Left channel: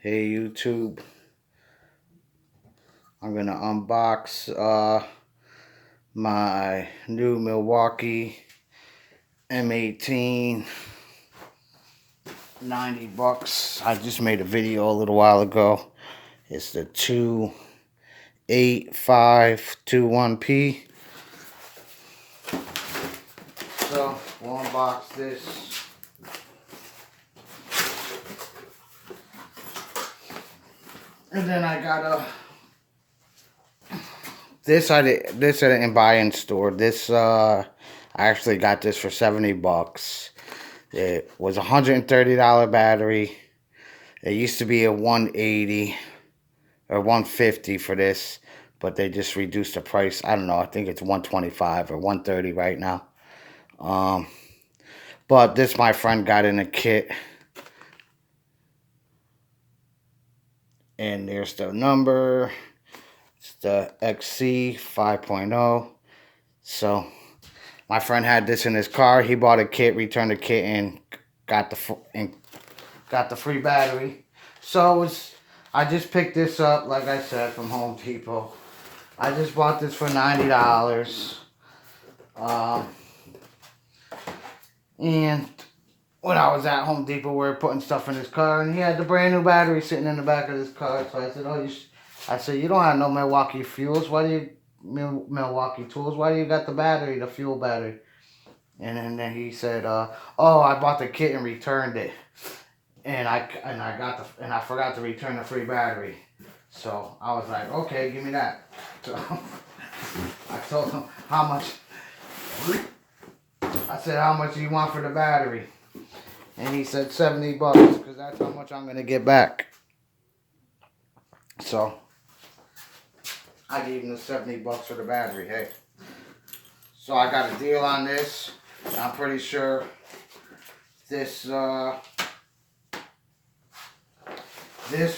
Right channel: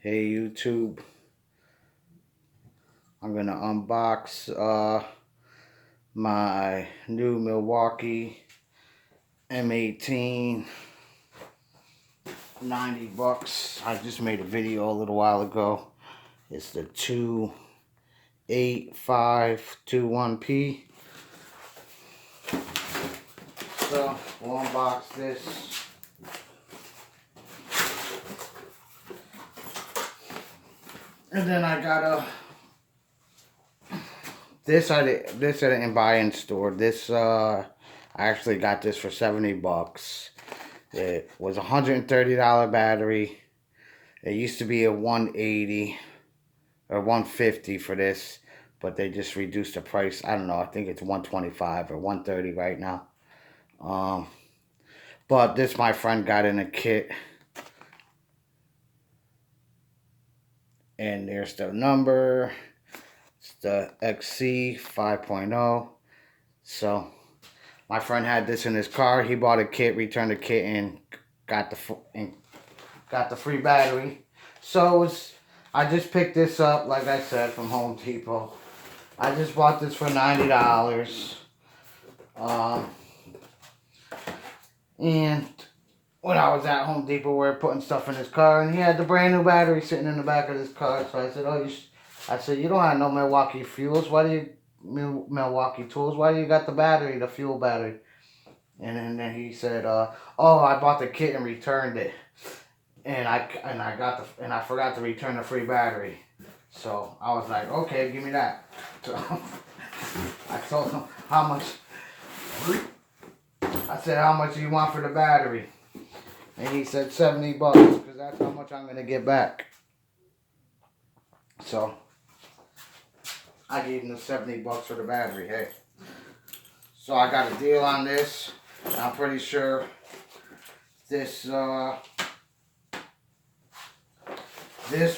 Hey YouTube, I'm gonna unbox my new Milwaukee M18, 90 bucks. I just made a video a little while ago. It's the 28521P. So we'll unbox this. And then I got this I didn't buy in store. I actually got this for 70 bucks. It was a $130 battery. It used to be a 180 or 150 for this, but they just reduced the price. I don't know. I think it's 125 or 130 right now. But this my friend got in a kit, and there's the number. It's the XC 5.0. So my friend had this in his car. He bought a kit, returned the kit, and got the free battery. So I just picked this up, like I said, from Home Depot. I just bought this for $90. And when I was at Home Depot, we were putting stuff in his car, and he had the brand new battery sitting in the back of his car. So I said, you don't have no Milwaukee fuels. Milwaukee tools? Why do you got the battery, the fuel battery? And then he said, I bought the kit and returned it. And I forgot to return the free battery. So I was like, okay, give me that. So I told him how much. I said, how much do you want for the battery? And he said 70 bucks, because that's how much I'm gonna get back. So I gave him the 70 bucks for the battery. Hey. So I got a deal on this. I'm pretty sure this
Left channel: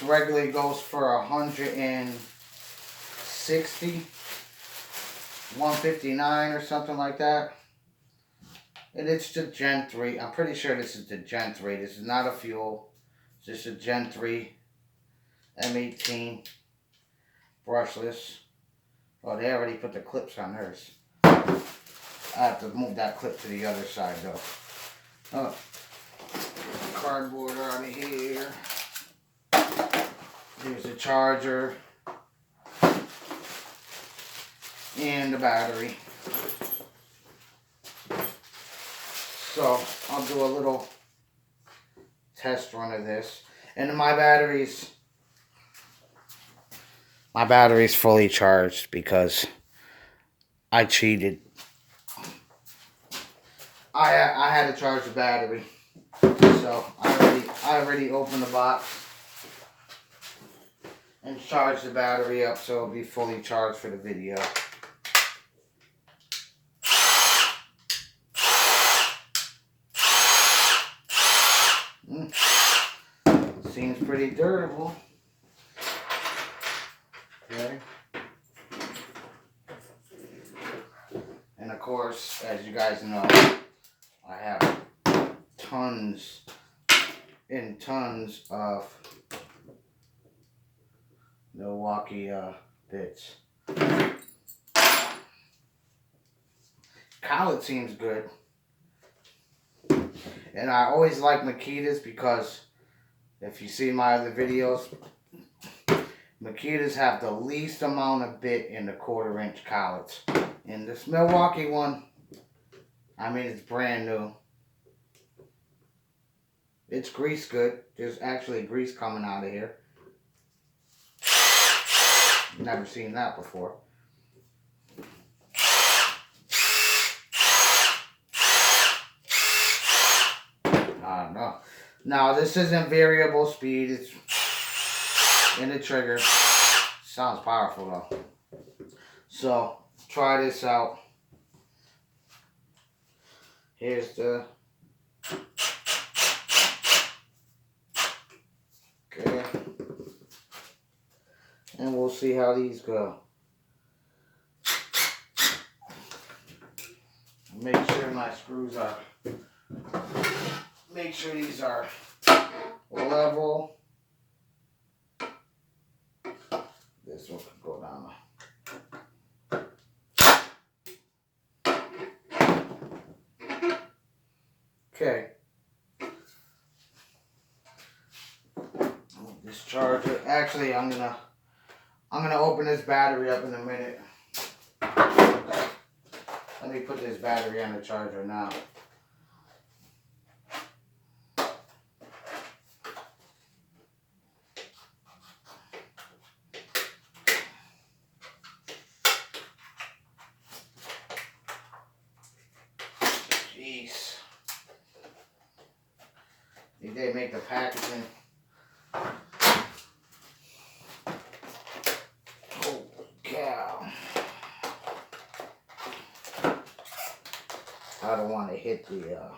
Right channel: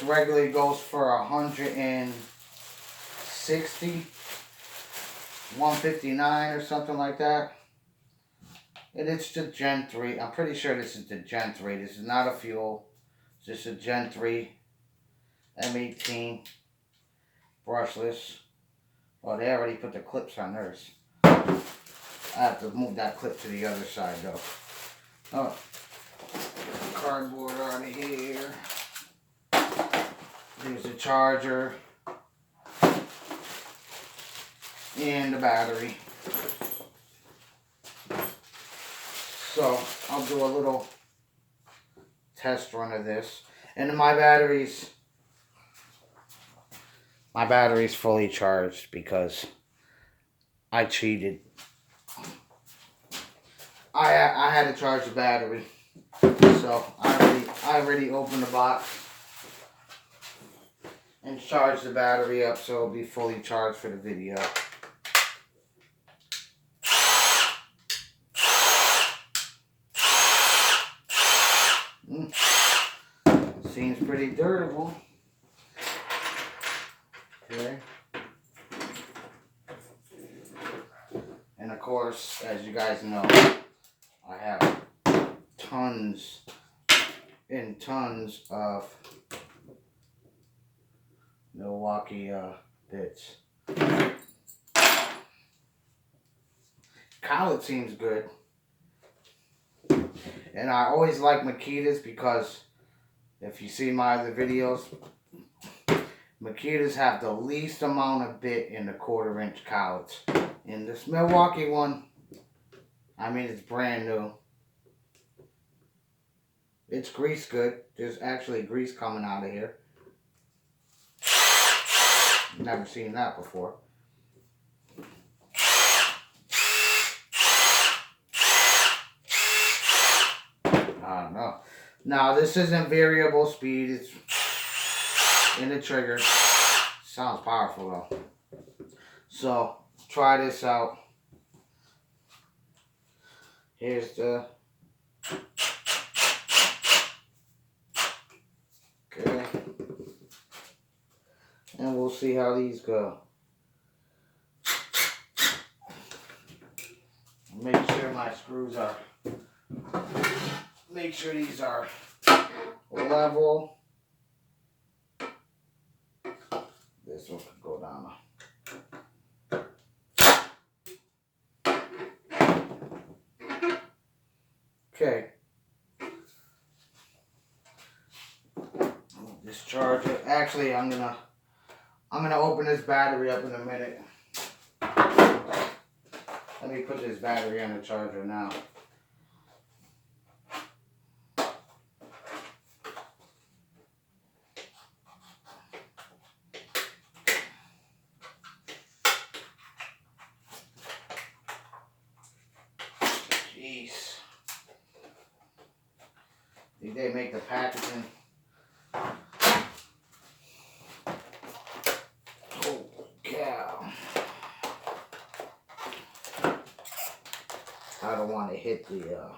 regularly goes for 160, 159 or something like that. And it's the Gen 3. I'm pretty sure this is the Gen 3. This is not a fuel. It's just a Gen 3 M18 brushless. Oh, they already put the clips on theirs. I have to move that clip to the other side though. Oh, cardboard out of here. There's the charger and the battery. So I'll do a little test run of this. And my battery's fully charged because I cheated. I had to charge the battery. So I already opened the box and charged the battery up so it'll be fully charged for the video. Seems pretty durable. Okay. And of course, as you guys know, I have tons and tons of Milwaukee bits. Collet seems good. And I always like Makitas because if you see my other videos, Makitas have the least amount of bit in the 1/4 inch collets. And this Milwaukee one, I mean, it's brand new. It's grease good. There's actually grease coming out of here. Never seen that before. I don't know. Now, this isn't variable speed. It's in the trigger. Sounds powerful though. So, try this out. Here's the... Okay. And we'll see how these go. Make sure my screws are... Make sure these are level. this charger. Actually, I'm gonna open this battery up in a minute. Let me put this battery on the charger now. Jeez. Think they make the packaging. Oh cow. I don't want to hit the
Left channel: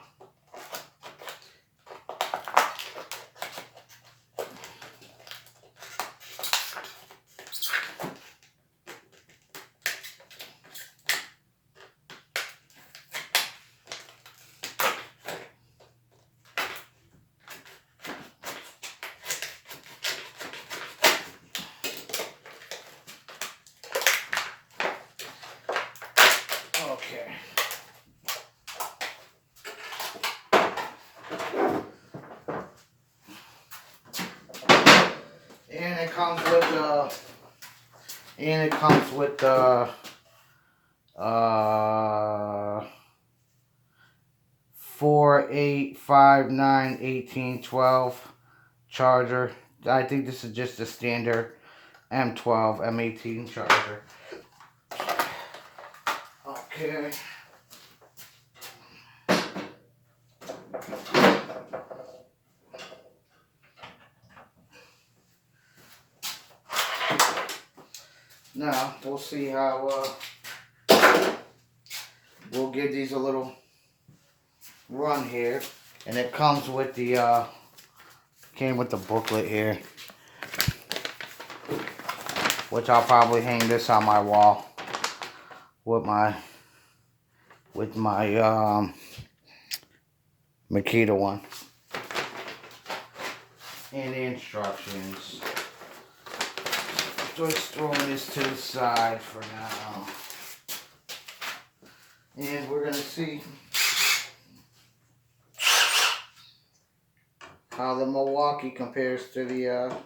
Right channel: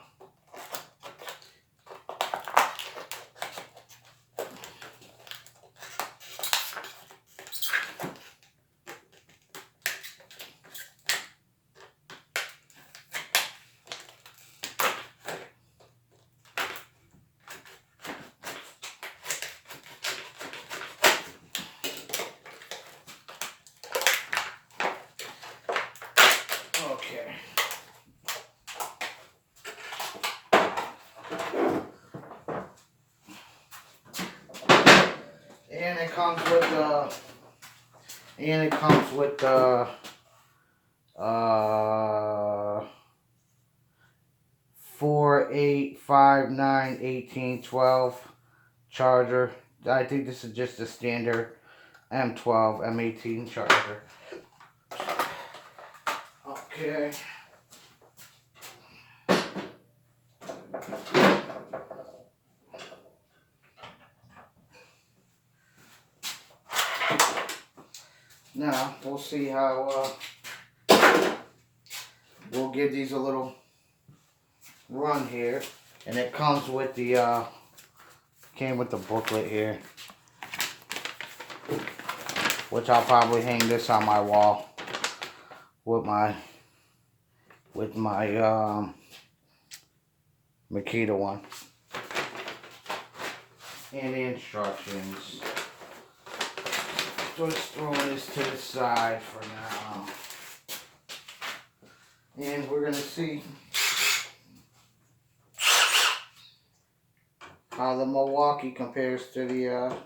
okay. And it comes with the 4, 8, 5, 9, 18, 12 charger. I think this is just a standard M12, M18 charger. Okay. Now, we'll see how, we'll give these a little run here. And it comes with the, came with the booklet here. Which I'll probably hang this on my wall with my Makita one. And the instructions. Just throwing this to the side for now. And we're going to see how the Milwaukee compares to the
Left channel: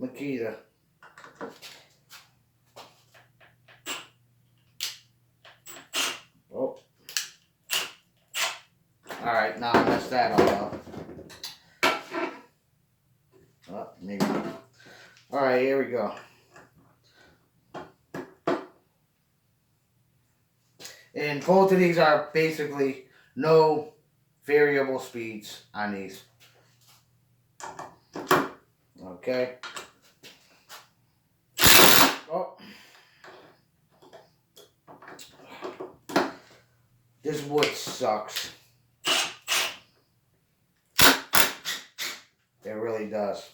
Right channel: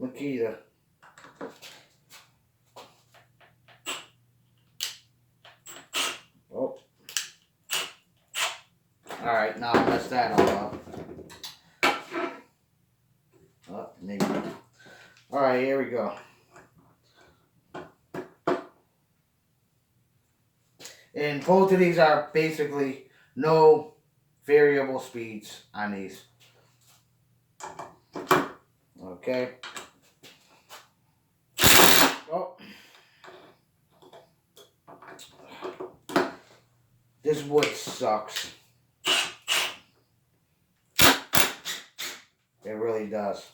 Makita. Oh. Alright, now I messed that all up. Oh, maybe. Alright, here we go. And both of these are basically no variable speeds on these. Okay. Oh. This wood sucks. It really does.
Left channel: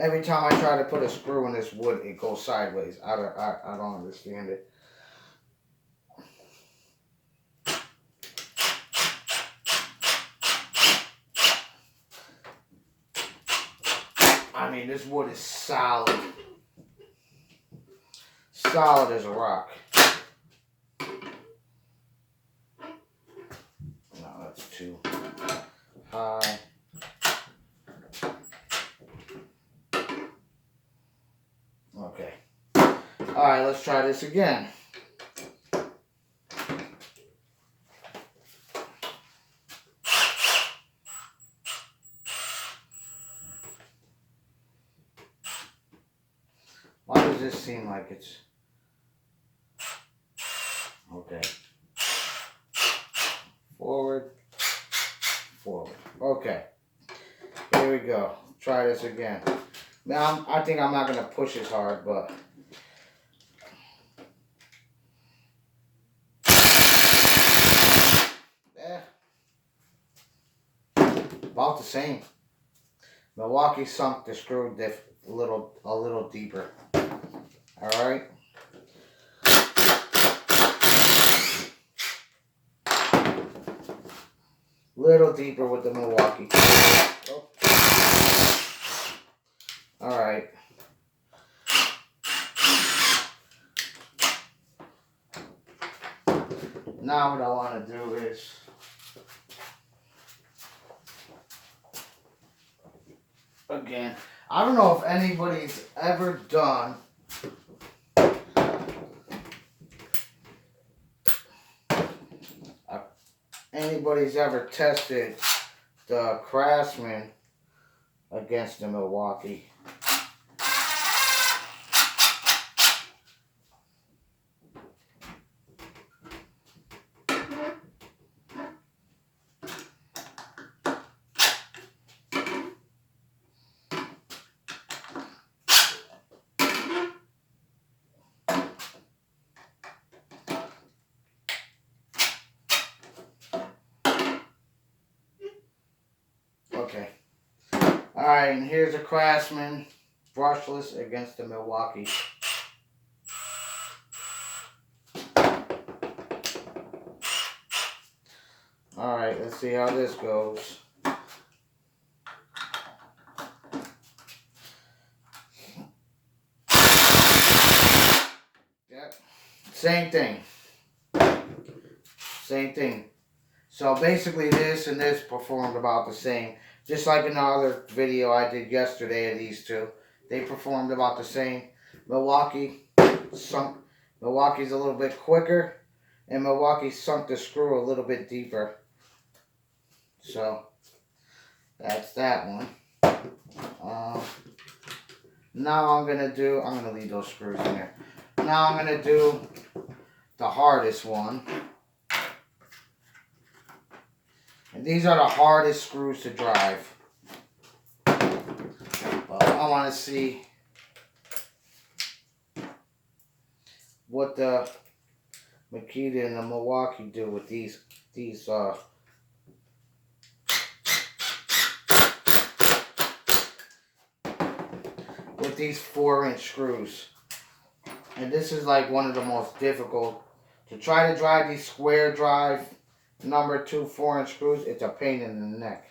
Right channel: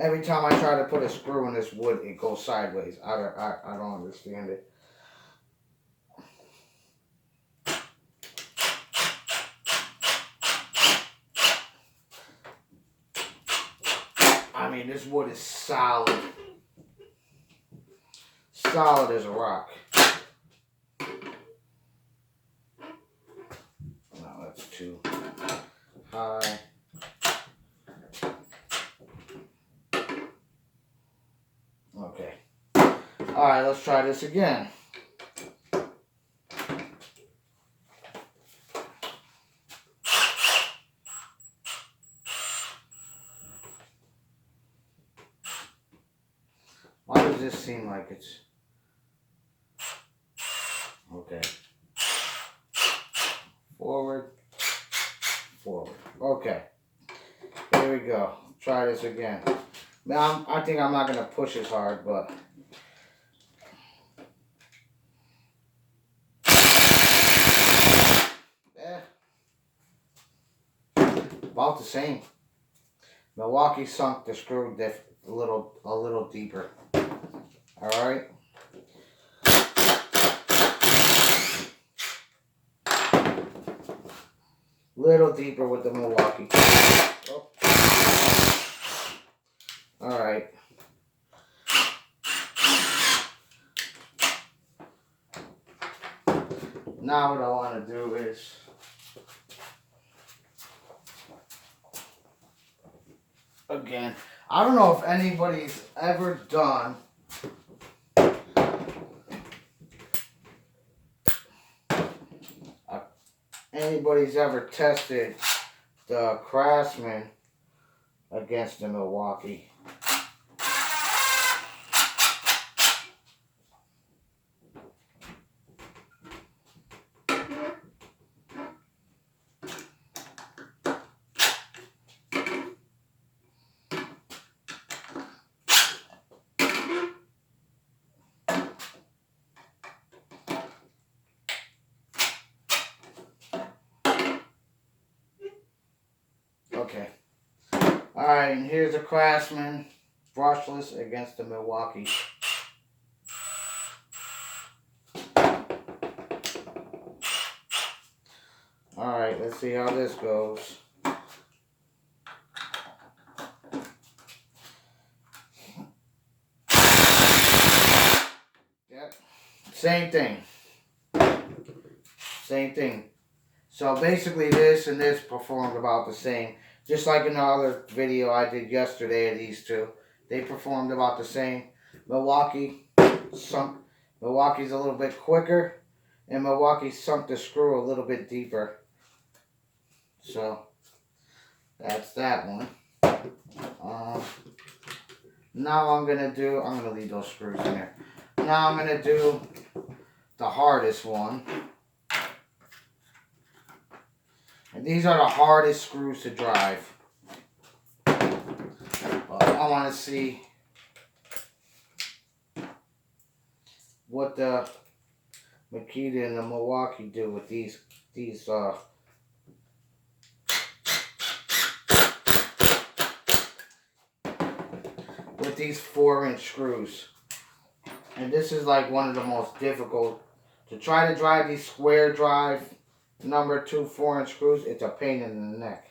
Every time I try to put a screw in this wood, it goes sideways. I don't understand it. I mean, this wood is solid. Solid as a rock. No, that's too high. Okay. Alright, let's try this again. Why does this seem like it's... Okay. Forward. Forward. Okay. Here we go. Try this again. Now, I think I'm not going to push as hard, but... About the same. Milwaukee sunk the screw a little deeper. Alright. Little deeper with the Milwaukee. Oh. Alright. Now what I want to do is again, I don't know if anybody's ever done anybody's ever tested the Craftsman against the Milwaukee. Okay. Alright, and here's a Craftsman brushless against the Milwaukee. Alright, let's see how this goes. Yep. Same thing. Same thing. So basically this and this performed about the same. Just like in the other video I did yesterday of these two. They performed about the same. Milwaukee's a little bit quicker. And Milwaukee sunk the screw a little bit deeper. So that's that one. Now I'm going to leave those screws in there. Now I'm going to do the hardest one. And these are the hardest screws to drive. But I want to see what the Makita and the Milwaukee do with these with these 4-inch screws. And this is like one of the most difficult to try to drive these square drive number 2 4-inch screws. It's a pain in the neck.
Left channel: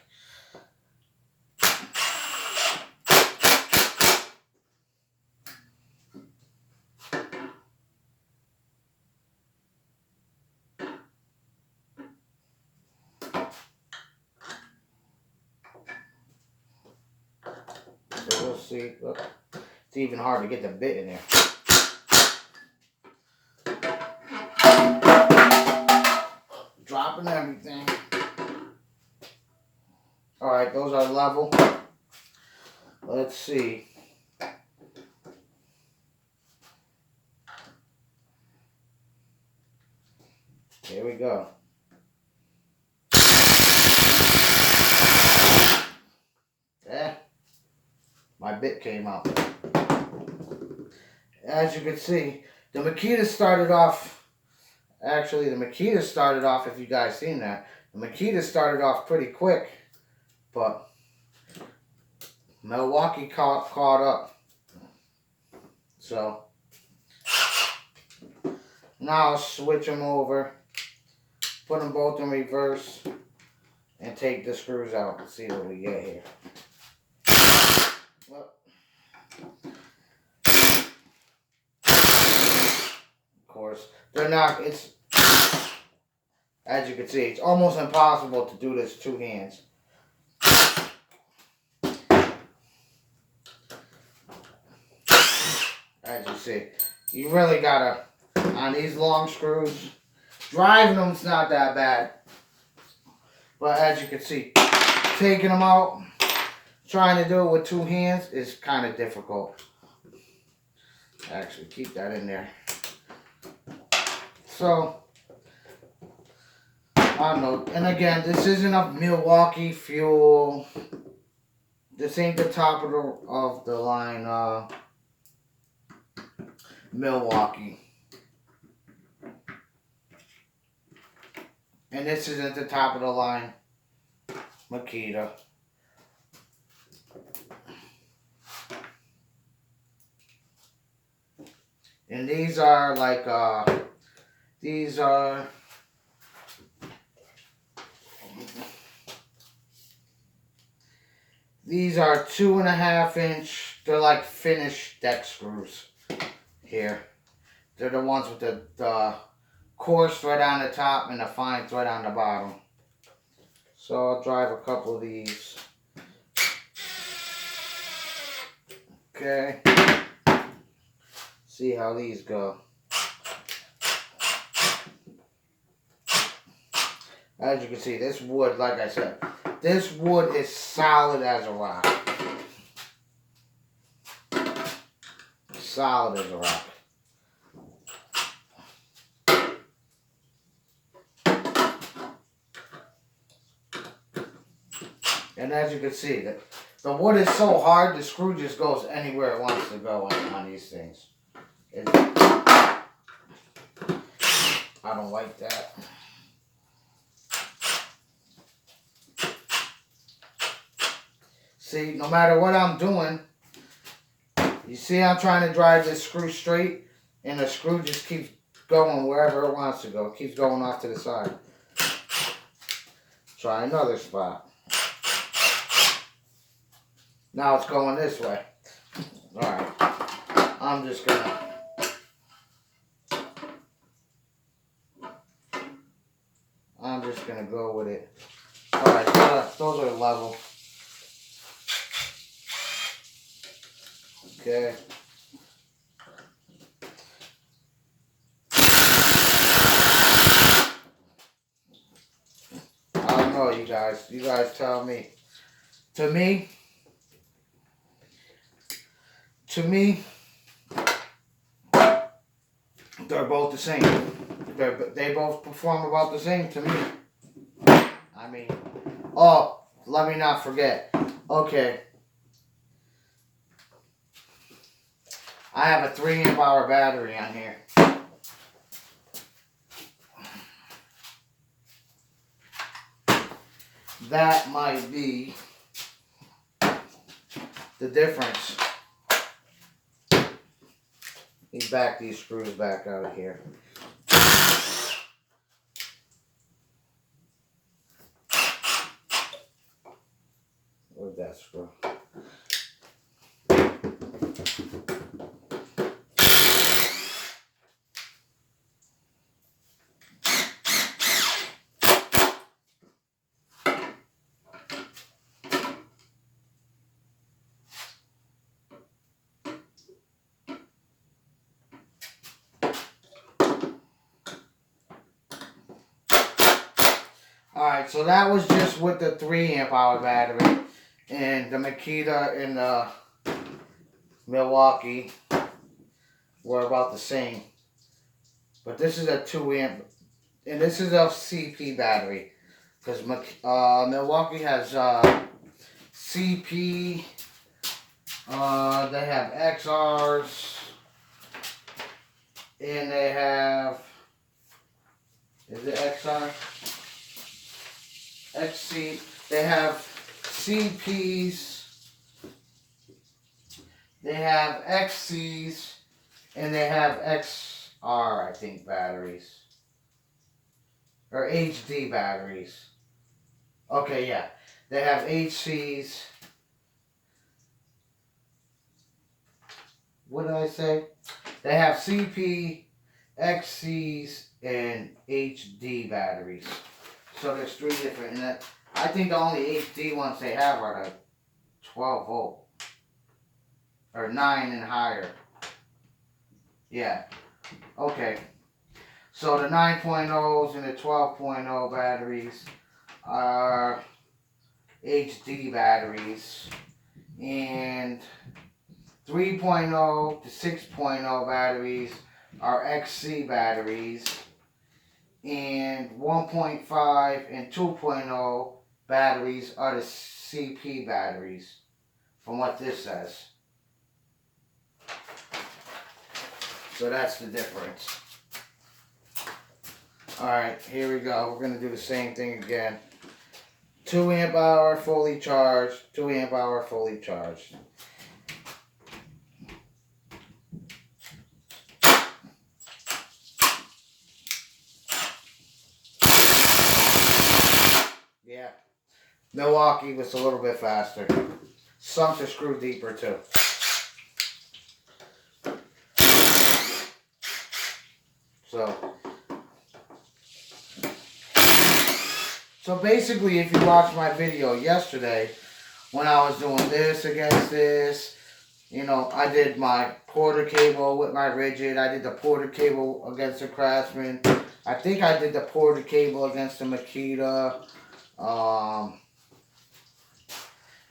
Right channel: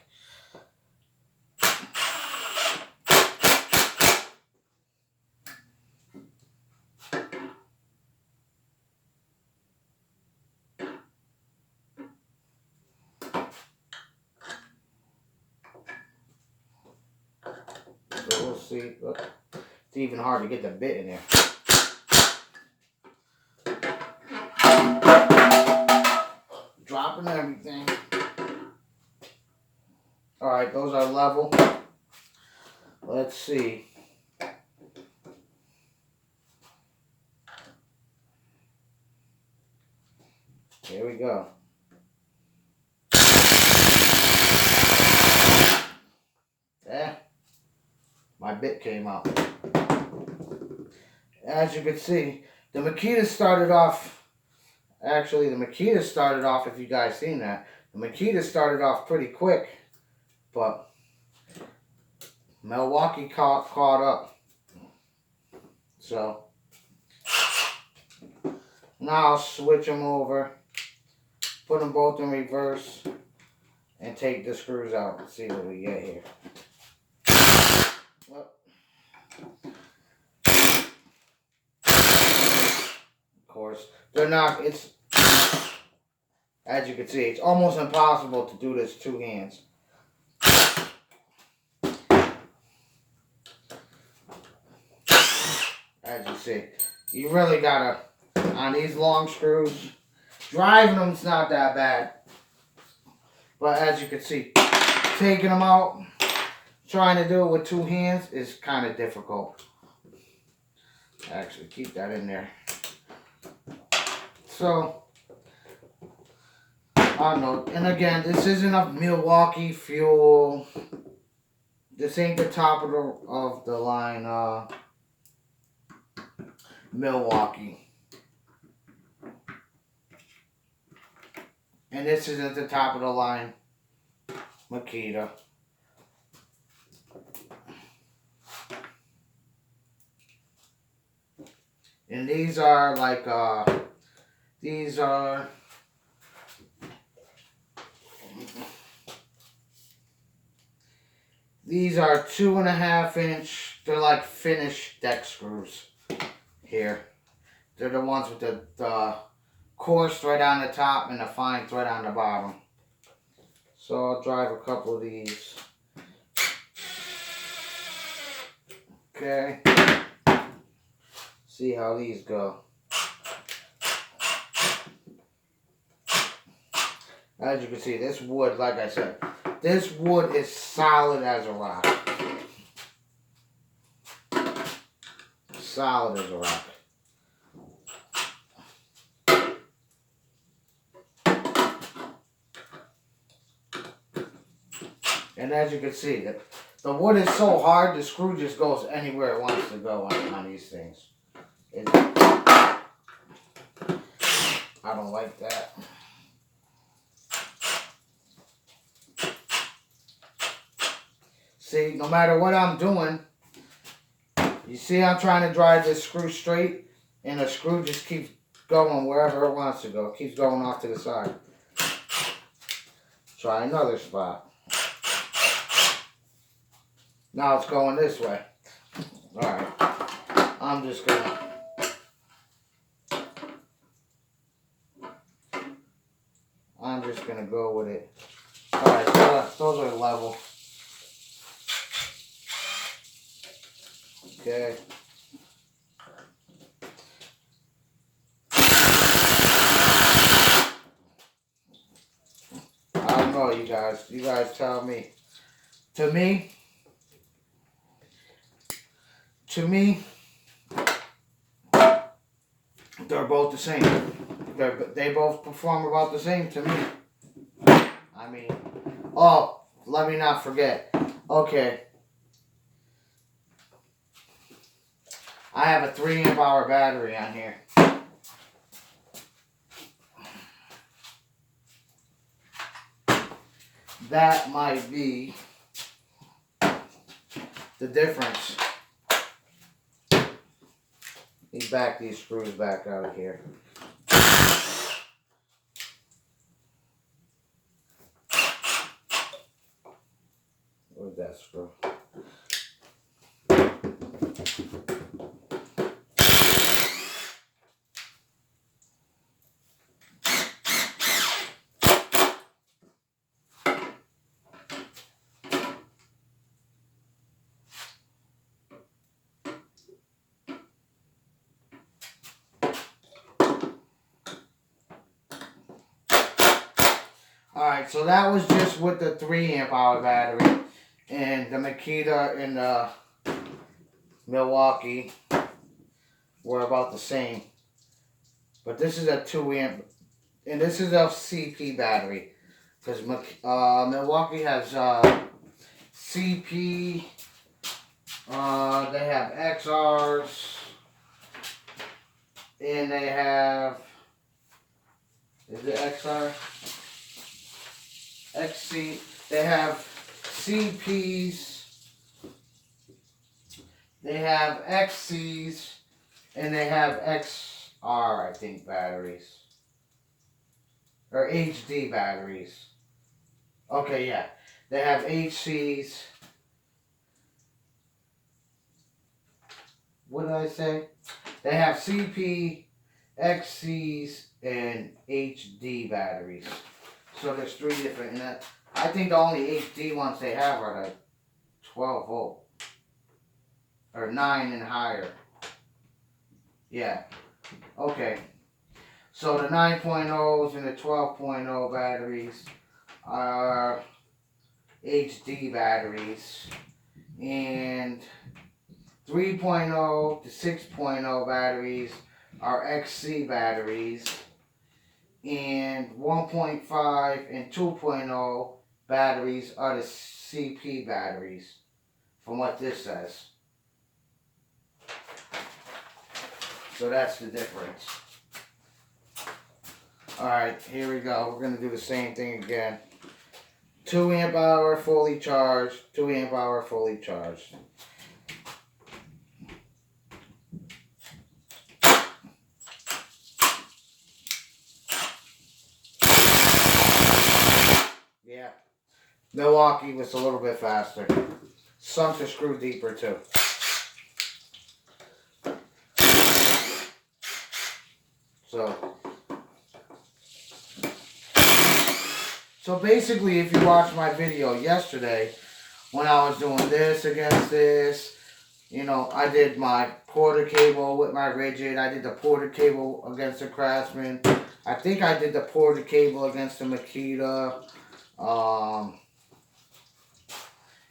So we'll see. Look, it's even hard to get the bit in there. Dropping everything. Alright, those are level. Let's see. Here we go. Yeah. My bit came out. As you can see, the Makita started off, actually the Makita started off, if you guys seen that, the Makita started off pretty quick, but Milwaukee caught up. So, now I'll switch them over, put them both in reverse, and take the screws out and see what we get here. Well, of course, they're not, it's, as you can see, it's almost impossible to do this 2 hands. As you see, you really gotta, on these long screws, driving them's not that bad. But as you can see, taking them out, trying to do it with 2 hands is kind of difficult. Actually, keep that in there. So, I don't know. And again, this isn't a Milwaukee fuel. This ain't the top of the line Milwaukee. And this isn't the top of the line Makita. And these are like, these are 2.5 inch, they're like finished deck screws here. They're the ones with the coarse thread on the top and the fine thread on the bottom. So I'll drive a couple of these. Okay. See how these go. As you can see, this wood, like I said, this wood is solid as a rock. Solid as a rock. And as you can see, the wood is so hard, the screw just goes anywhere it wants to go on these things. I don't like that. See, no matter what I'm doing, you see I'm trying to drive this screw straight, and the screw just keeps going wherever it wants to go. It keeps going off to the side. Try another spot. Now it's going this way. Alright. I'm just gonna... go with it. Alright, those are level. Okay. I don't know, you guys. You guys tell me. To me, they're both the same. They both perform about the same to me. I mean, oh, let me not forget. Okay. I have a 3 amp hour battery on here. That might be the difference. Let me back these screws back out of here. Where's that screw? Alright, so that was just with the 3 amp hour battery. And the Makita and the Milwaukee were about the same. But this is a 2 amp, and this is a CP battery. Because Milwaukee has CP, they have XRs, and they have, is it XR? XC, they have CPs, they have XCs, and they have XR, I think, batteries. Or HD batteries. Okay, yeah. They have HCs. What did I say? They have CP, XCs, and HD batteries. So there's 3 different, and I think the only HD ones they have are the 12 volt. Or 9 and higher. Yeah. Okay. So the 9.0s and the 12.0 batteries are HD batteries. And 3.0 to 6.0 batteries are XC batteries. And 1.5 and 2.0 batteries are the CP batteries, from what this says. So that's the difference. Alright, here we go. We're going to do the same thing again. 2 amp hour fully charged, 2 amp hour fully charged. Yeah, Milwaukee was a little bit faster. Sunk the screw deeper too. So basically, if you watched my video yesterday, when I was doing this against this, You know, I did my Porter cable with my rigid. I did the Porter cable against the Craftsman. I think I did the Porter cable against the Makita. Um,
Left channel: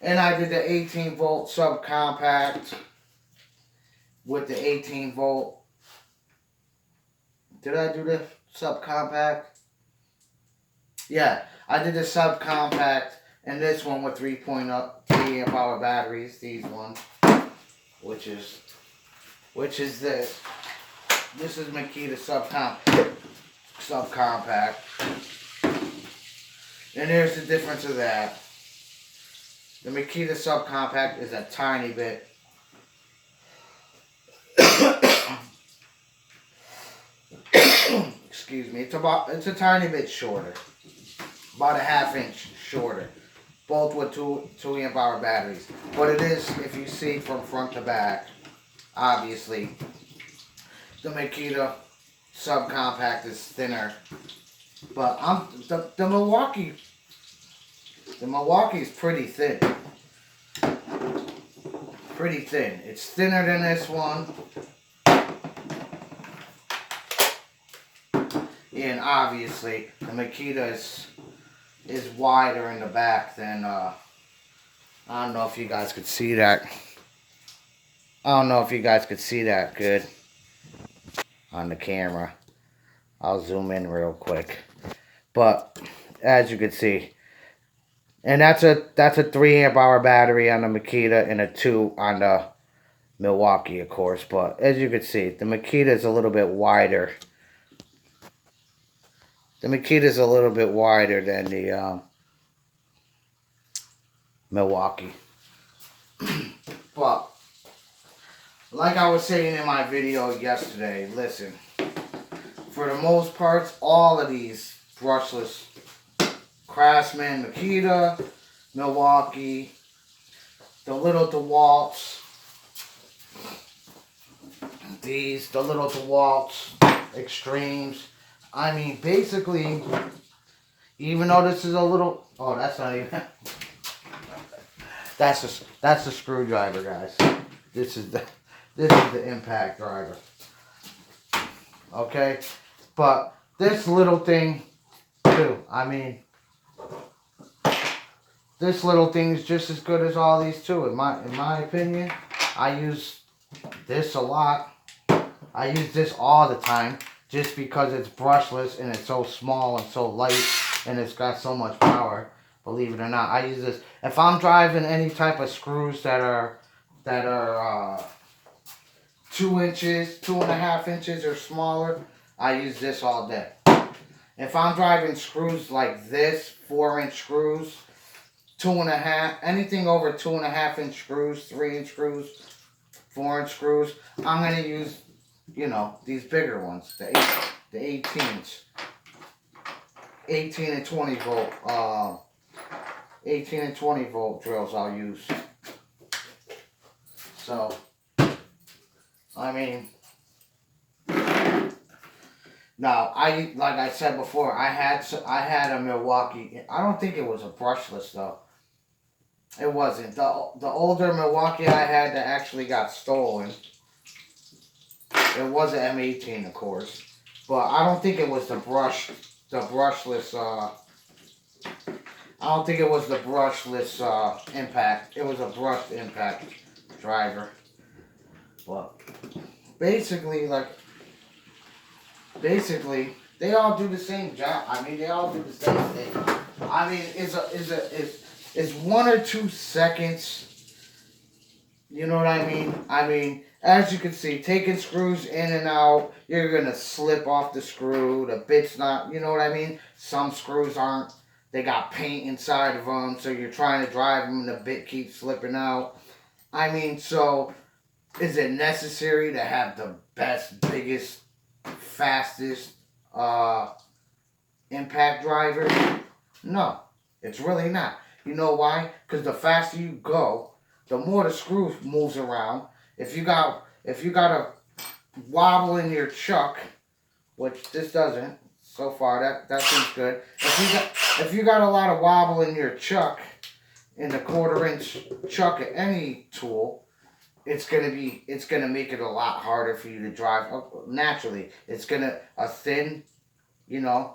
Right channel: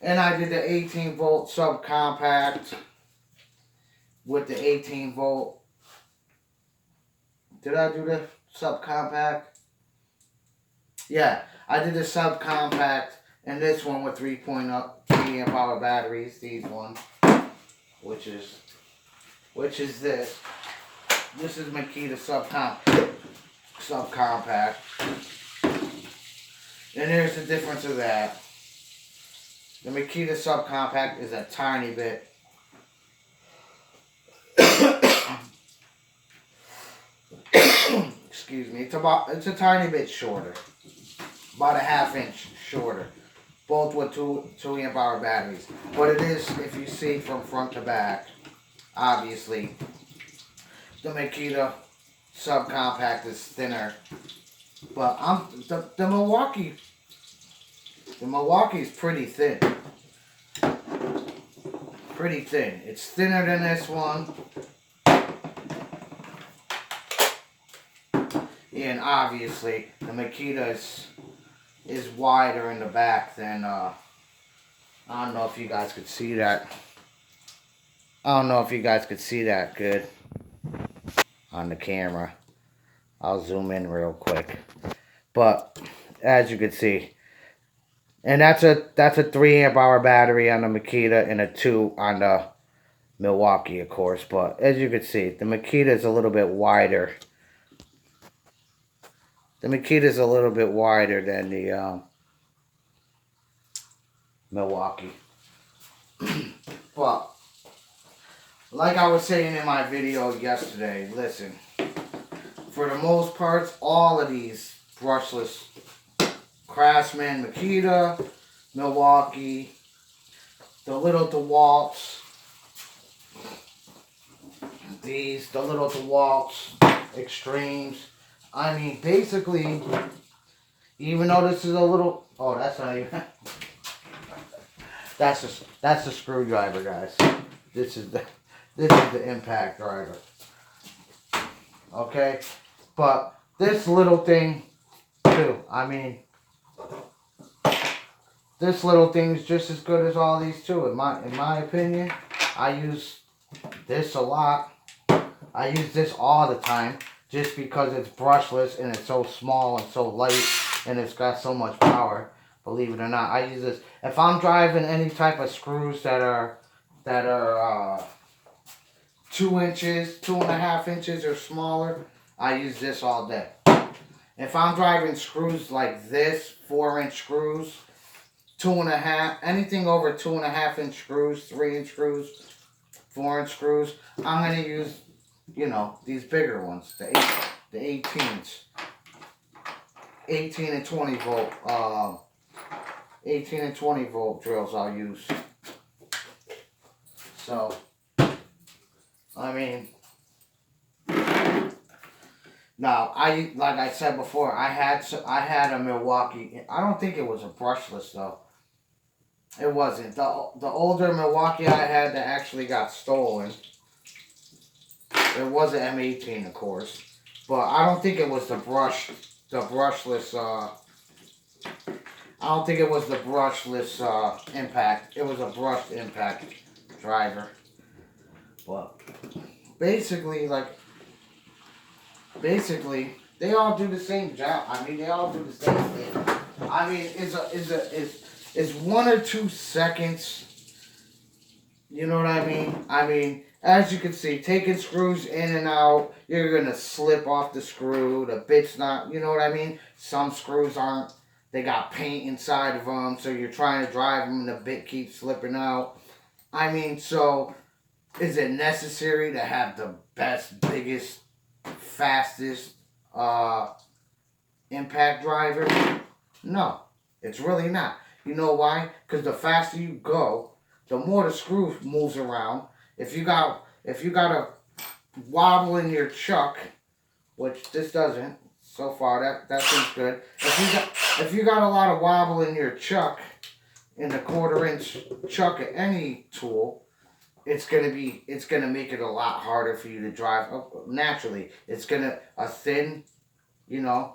and I did the 18 volt subcompact with the 18 volt. Did I do the subcompact? Yeah, I did the subcompact and this one with 3.3 amp hour batteries. These ones, which is this. This is Makita subcompact. And there's the difference of that. The Makita subcompact is a tiny bit. Excuse me. It's a tiny bit shorter. About a ½ inch shorter. Both with 2 amp hour batteries. But it is, if you see from front to back, obviously, the Makita subcompact is thinner. But the Milwaukee's pretty thin. Pretty thin. It's thinner than this one. And obviously, the Makita is wider in the back than, I don't know if you guys could see that. I don't know if you guys could see that good on the camera. I'll zoom in real quick. But, as you can see, and that's a 3 amp hour battery on the Makita and a 2 on the Milwaukee, of course. But, as you can see, the Makita is a little bit wider. The Makita is a little bit wider than the Milwaukee. But, like I was saying in my video yesterday, listen. For the most part, all of these brushless Craftsman, Makita, Milwaukee, the little DeWalt's, the little DeWalt's Extremes. I mean, basically, even though this is a little, oh, that's not even, that's the screwdriver, guys. This is the impact driver. Okay, but this little thing too. I mean, this little thing is just as good as all these too. In my opinion, I use this a lot. I use this all the time. Just because it's brushless and it's so small and so light and it's got so much power, believe it or not, I use this. If I'm driving any type of screws that are 2 inches, 2.5 inches or smaller, I use this all day. If I'm driving screws like this, 4-inch screws, 2.5, anything over 2.5 inch screws, 3-inch screws, 4-inch screws, I'm gonna use, you know, these bigger ones, the 18s, 18 and 20 volt, 18 and 20 volt drills I'll use. So, I mean, now like I said before, I had a Milwaukee. I don't think it was a brushless though. It wasn't. The older Milwaukee I had that actually got stolen. It was an M18, of course, but I don't think it was the brushless. I don't think it was the brushless impact. It was a brushed impact driver. But basically, they all do the same job. I mean, they all do the same thing. I mean, it's 1 or 2 seconds. You know what I mean? I mean, as you can see, taking screws in and out, you're going to slip off the screw. The bit's not, you know what I mean? Some screws aren't, they got paint inside of them, so you're trying to drive them and the bit keeps slipping out. I mean, so, is it necessary to have the best, biggest, fastest impact driver? No, it's really not. You know why? Because the faster you go, the more the screw moves around. If you got a wobble in your chuck, which this doesn't so far, that seems good. If you got a lot of wobble in your chuck, in the 1/4 inch chuck of any tool, it's gonna make it a lot harder for you to drive. Naturally, a thin,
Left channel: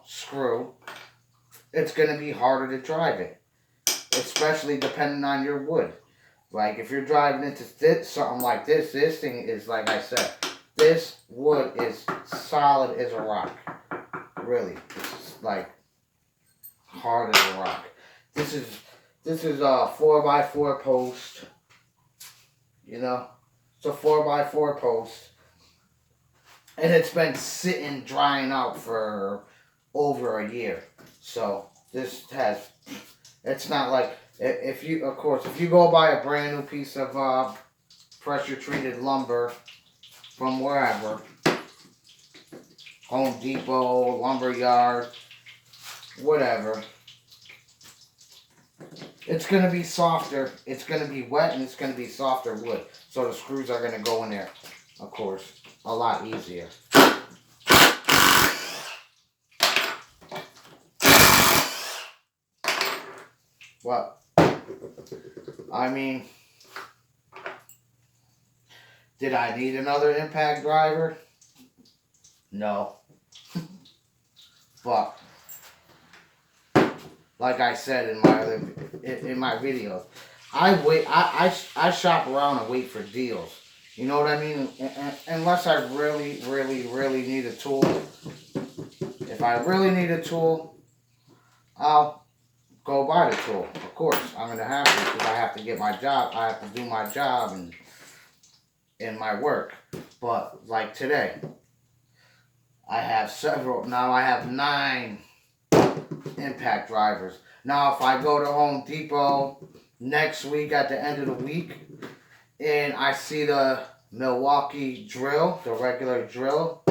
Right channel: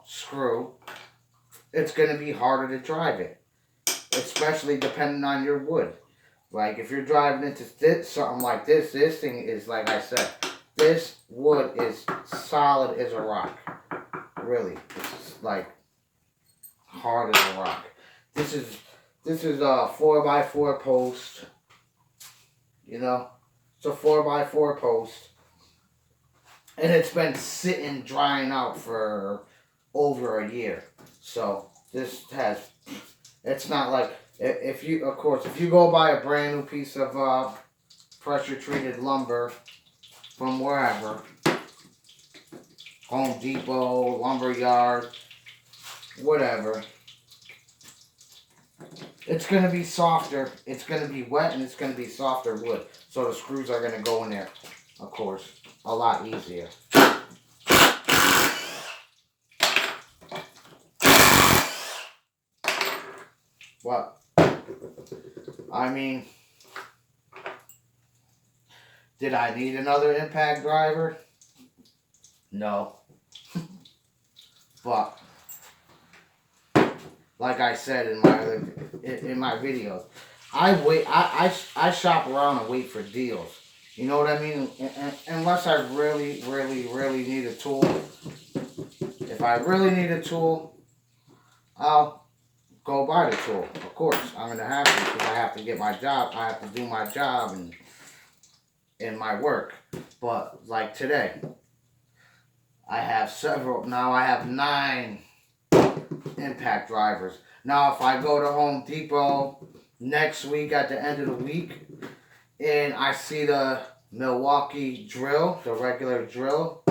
screw. It's gonna be harder to drive it, especially depending on your wood. Like if you're driving into something like this, this thing is, like I said, this wood is solid as a rock. Really, it's like hard as a rock. This is a 4x4 post. It's a 4x4 post, and it's been sitting drying out for over a year. So it's not like, if you go buy a brand new piece of pressure treated lumber from wherever, Home Depot, lumber yard, whatever, it's going to be softer. It's going to be wet, and it's going to be softer wood. So the screws are going to go in there, of course, a lot easier. But, I mean, did I need another impact driver? No. But, like I said in my videos, I shop around and wait for deals. You know what I mean? Unless I really, really, really need a tool. If I really need a tool, I'll go buy the tool. Of course, I'm gonna have to, because I have to get my job. I have to do my job and my work. But like today, I have several. Now I have 9 impact drivers. Now if I go to Home Depot next week at the end of the week, and I see the Milwaukee drill, the regular drill,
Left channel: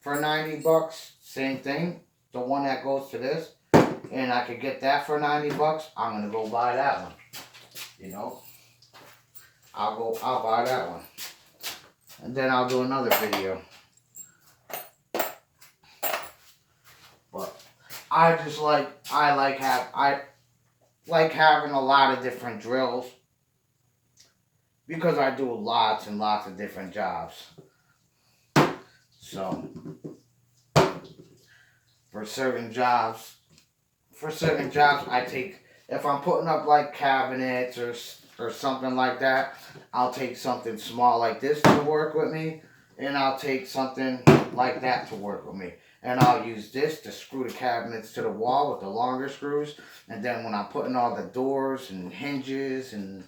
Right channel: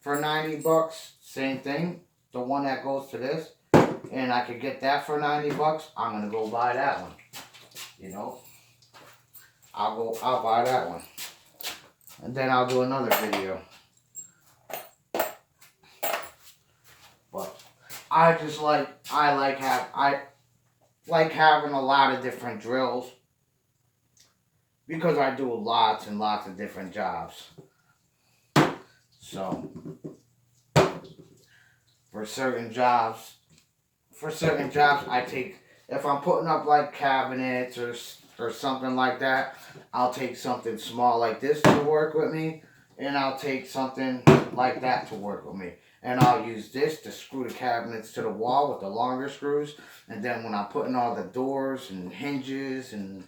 for $90, same thing, the one that goes to this, and I could get that for $90, I'm gonna go buy that one. I'll buy that one, and then I'll do another video. But I like having a lot of different drills, because I do lots and lots of different jobs. So for certain jobs, I take, if I'm putting up like cabinets or something like that, I'll take something small like this to work with me, and I'll take something like that to work with me. And I'll use this to screw the cabinets to the wall with the longer screws. And then when I'm putting all the doors and hinges and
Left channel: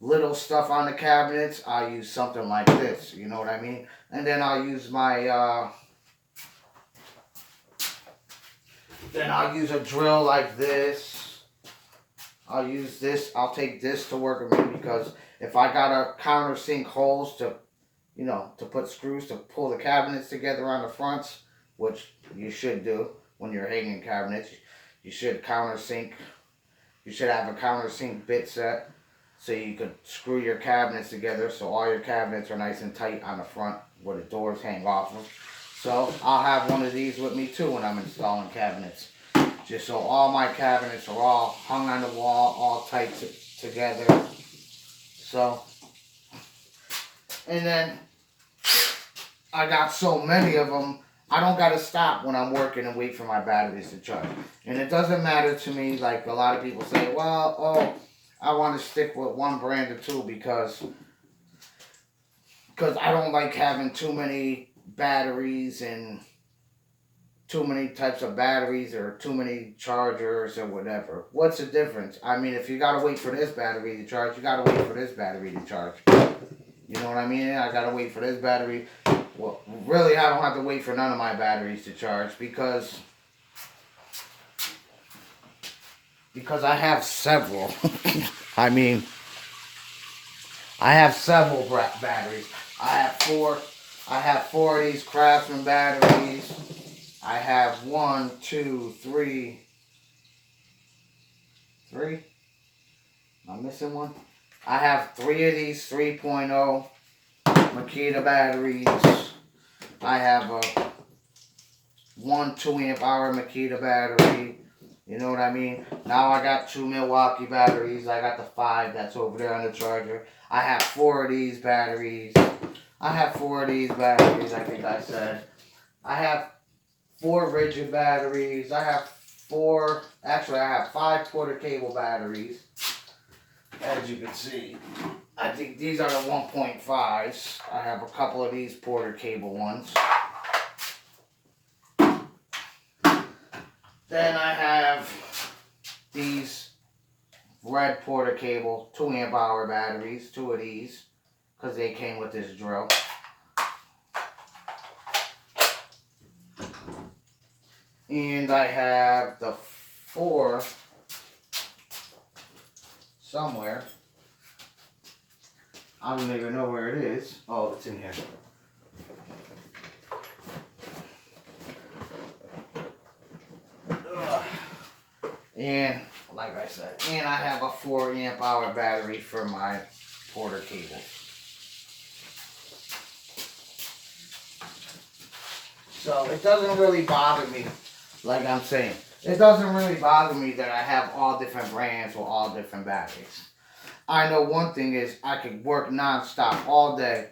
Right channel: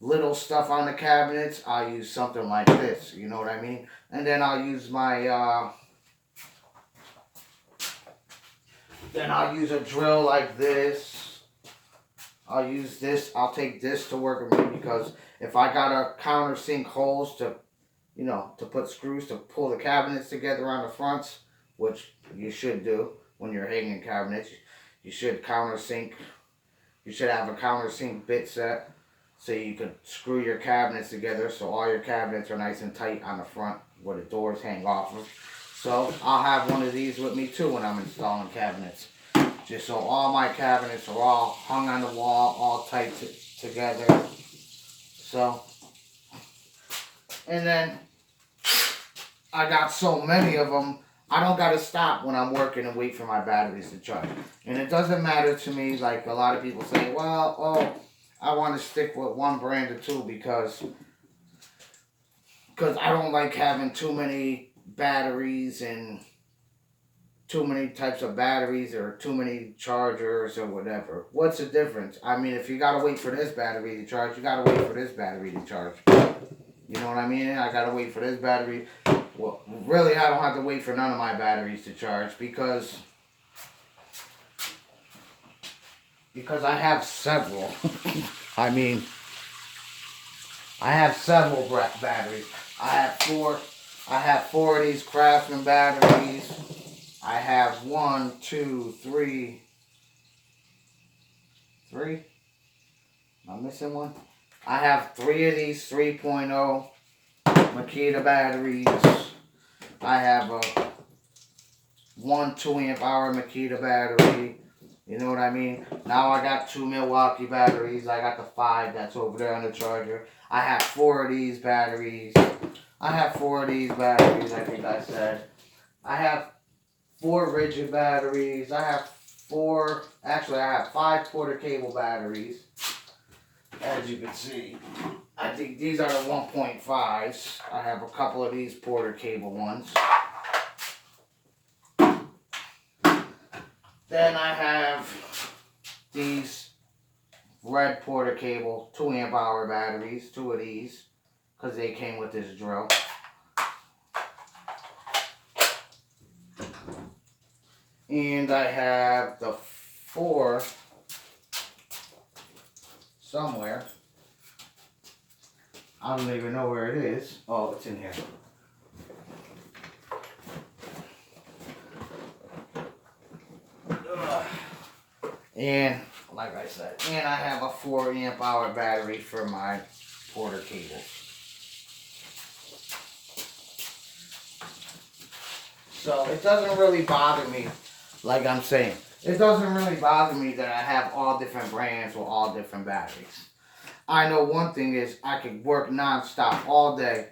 little stuff on the cabinets, I'll use something like this. You know what I mean? And then I'll use my, then I'll use a drill like this. I'll use this. I'll take this to work with me, because if I gotta countersink holes to put screws to pull the cabinets together on the fronts, which you should do when you're hanging cabinets. You should countersink. You should have a countersink bit set, so you could screw your cabinets together, so all your cabinets are nice and tight on the front where the doors hang off of. So I'll have one of these with me too when I'm installing cabinets, just so all my cabinets are all hung on the wall, all tight together. So, and then I got so many of them, I don't got to stop when I'm working and wait for my batteries to charge. And it doesn't matter to me, like a lot of people say, well, I want to stick with one brand or two, because I don't like having too many batteries and too many types of batteries or too many chargers or whatever. What's the difference? I mean, if you got to wait for this battery to charge, you got to wait for this battery to charge. You know what I mean? I got to wait for this battery. Well, really, I don't have to wait for none of my batteries to charge, because I have several. I mean, I have several batteries. I have four of these Craftsman batteries. I have 1, 2, 3. Am I missing one? I have 3 of these 3.0 Makita batteries. I have a 1 2 amp hour Makita battery, You know what I mean? Now I got 2 Milwaukee batteries. I got the 5 that's over there on the charger. I have 4 of these batteries. I think I said. I have 4 rigid batteries. I have 5 quarter cable batteries. As you can see, I think these are the 1.5s. I have a couple of these quarter cable ones. Then I have these red Porter cable 2 amp hour batteries, 2 of these, because they came with this drill. And I have the 4 somewhere. I don't even know where it is. Oh, it's in here. And like I said, and I have a 4 amp hour battery for my Porter cable. So it doesn't really bother me, like I'm saying. It doesn't really bother me that I have all different brands with all different batteries. I know one thing is I can work non-stop all day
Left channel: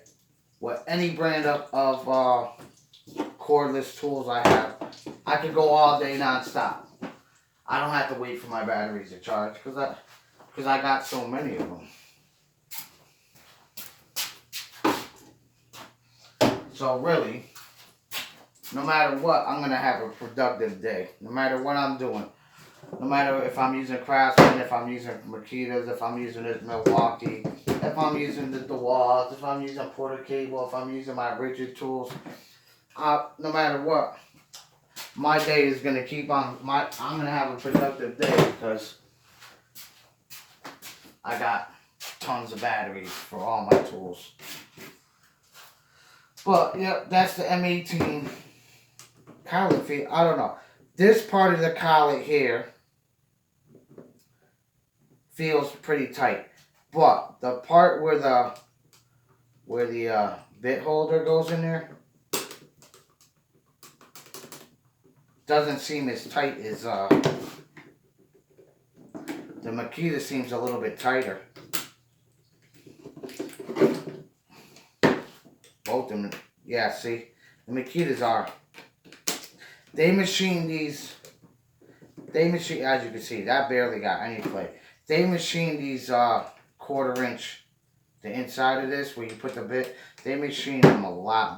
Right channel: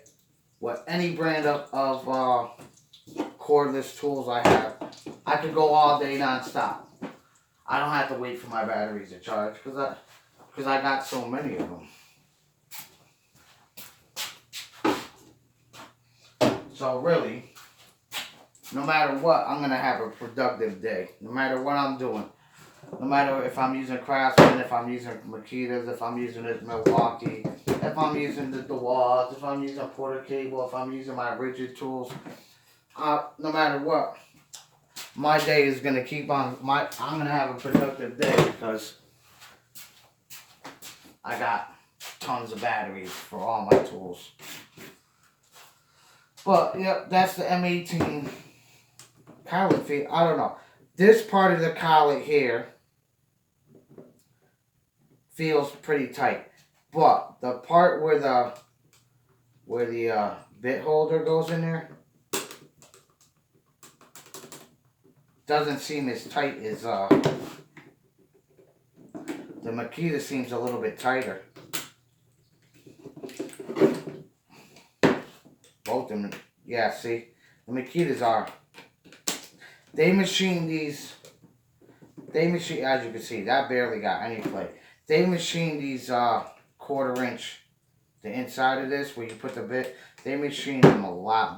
with any brand of cordless tools I have. I could go all day non-stop. I don't have to wait for my batteries to charge because I got so many of them. So really, no matter what, I'm going to have a productive day. No matter what I'm doing. No matter if I'm using Craftsman, if I'm using Makita's, if I'm using this Milwaukee, if I'm using the DeWalt, if I'm using Porter cable, if I'm using my rigid tools. No matter what, my day is going to keep on, I'm going to have a productive day because I got tons of batteries for all my tools. But, yep, that's the M18 collet feed. I don't know. This part of the collet here feels pretty tight. But the part where the bit holder goes in there doesn't seem as tight as the Makita seems a little bit tighter. Both of them, yeah, see, the Makitas are, they machine these, as you can see, that barely got any play. They machine these 1/4 inch, the inside of this where you put the bit, they machine them a lot